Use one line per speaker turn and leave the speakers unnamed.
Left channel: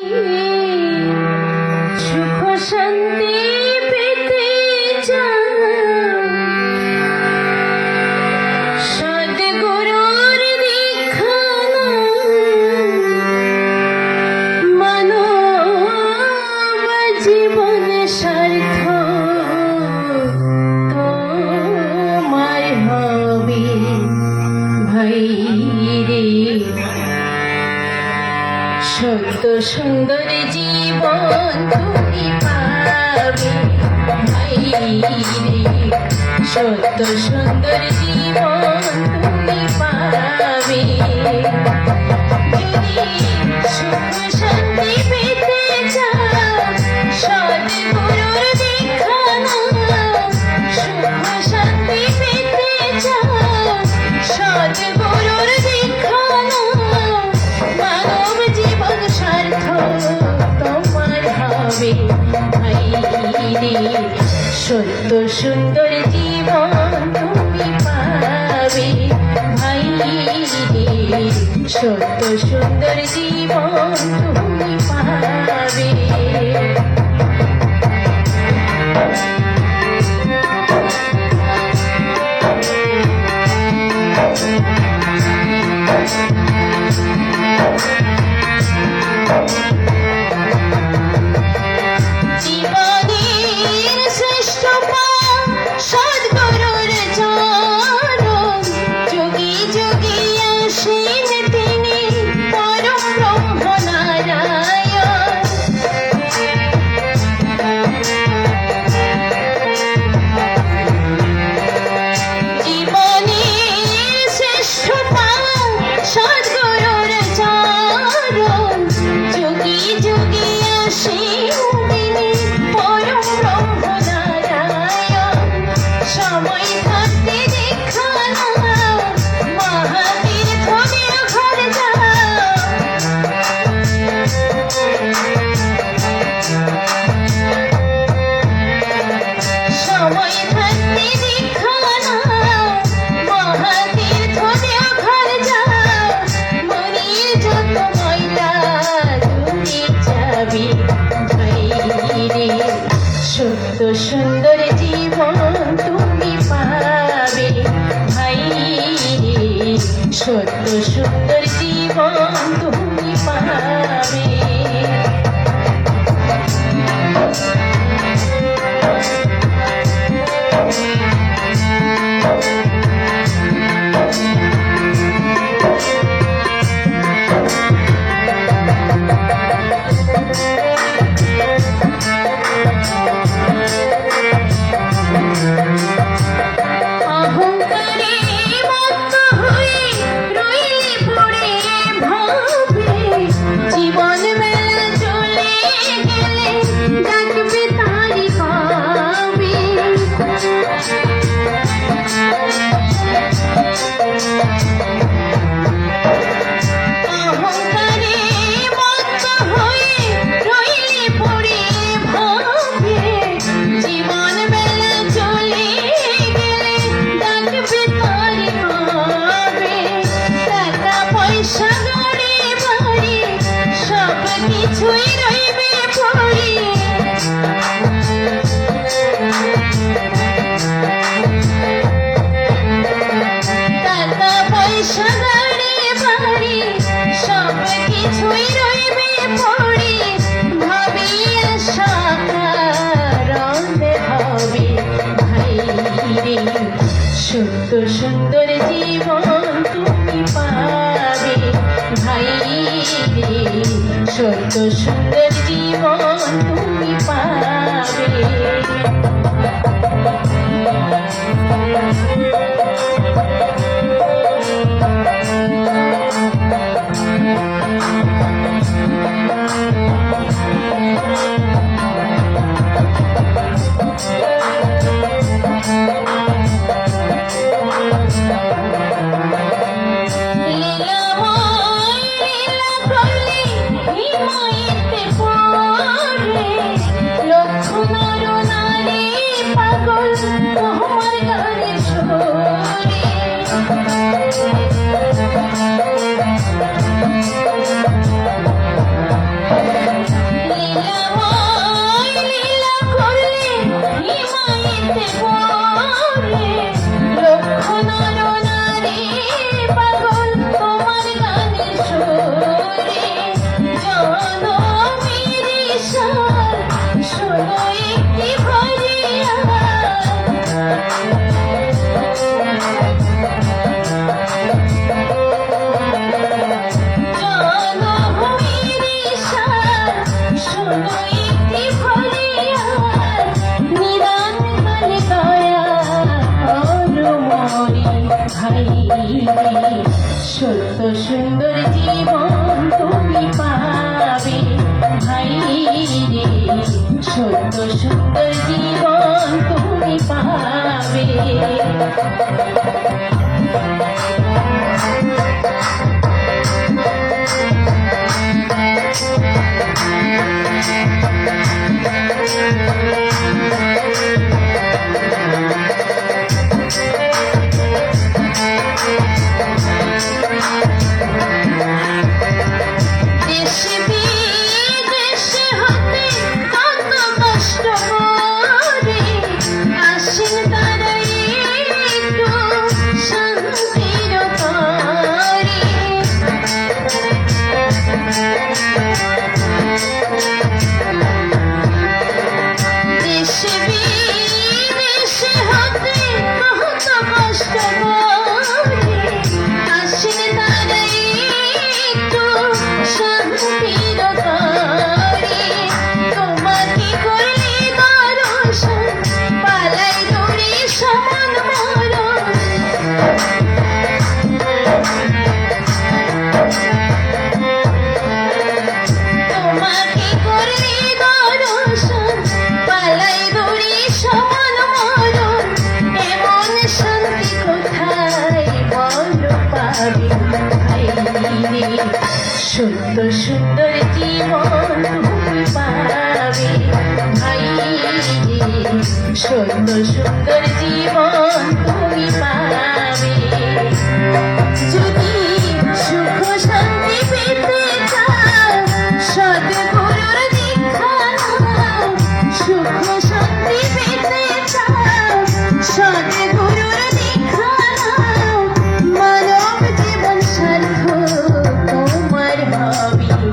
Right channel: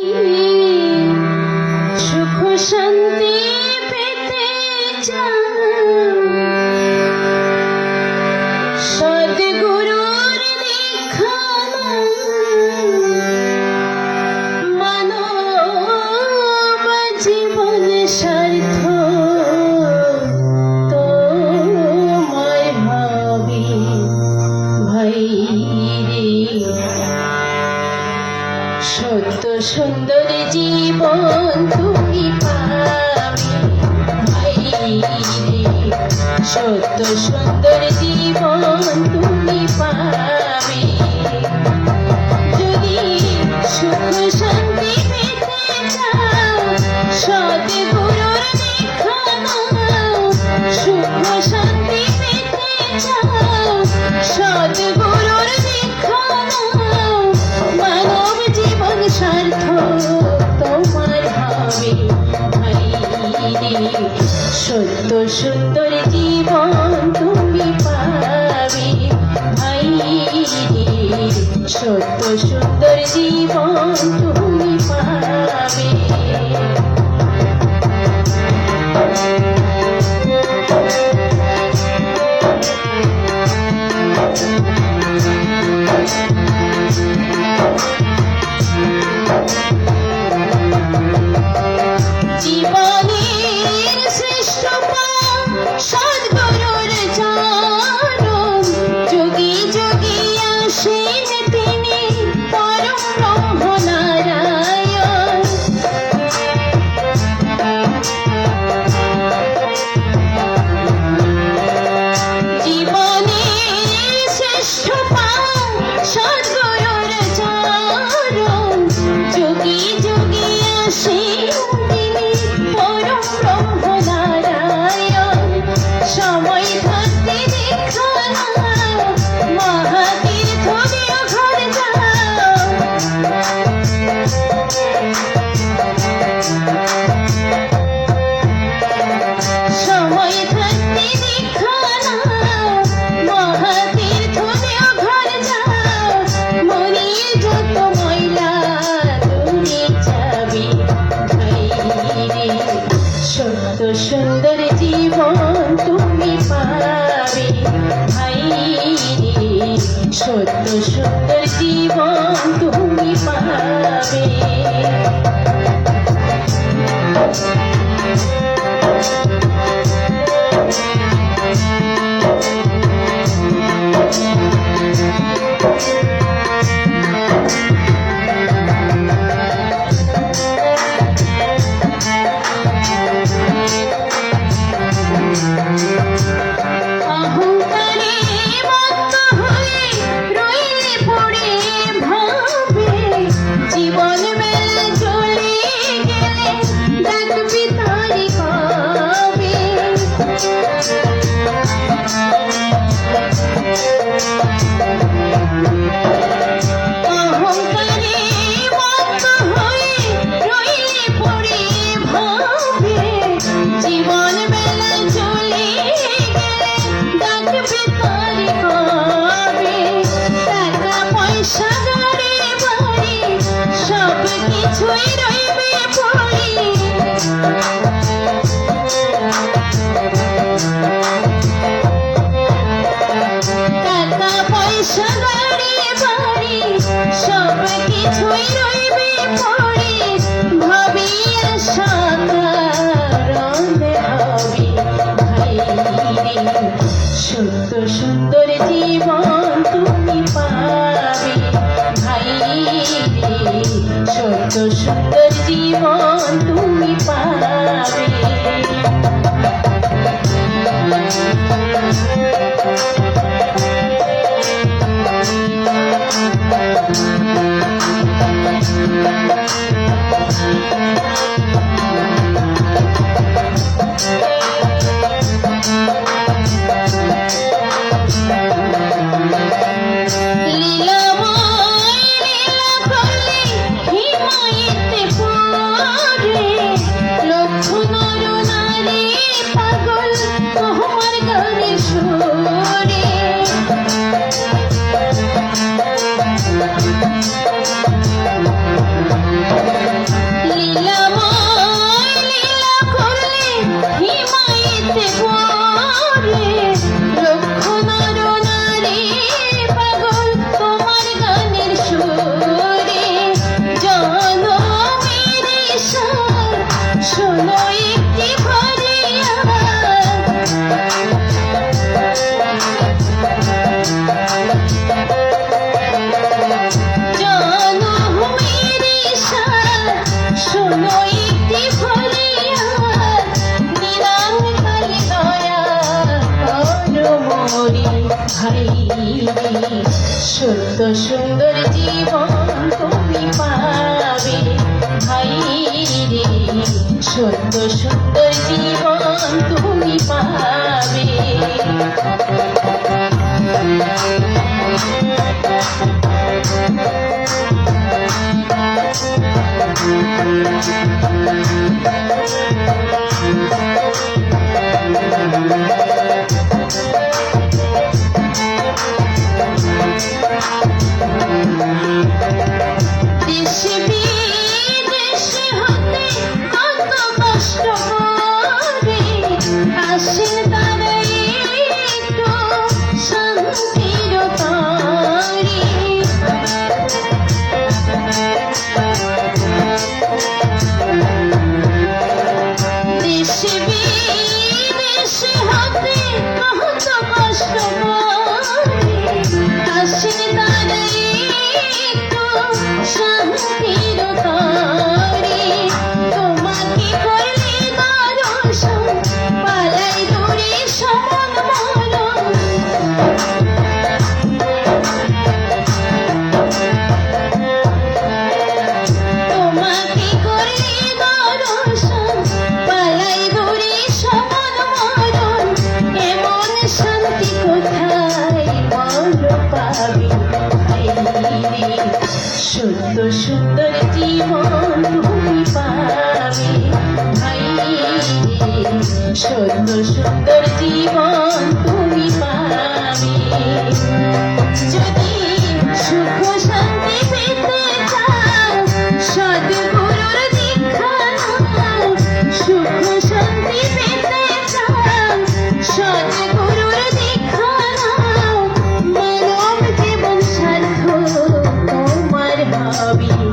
吁 মন তুমি 的圣诞。সুন্দর জীবন সত্য। Thank you. সুন্দর সুন্দর জীবন। সত্য সুন্দর জীবন তুমি পাবে ভাই রে। সত্য সুন্দর জীবন তুমি পাবে। সুন্দর সুন্দর জীবন পাবি সুন্দর সুন্দর জীবন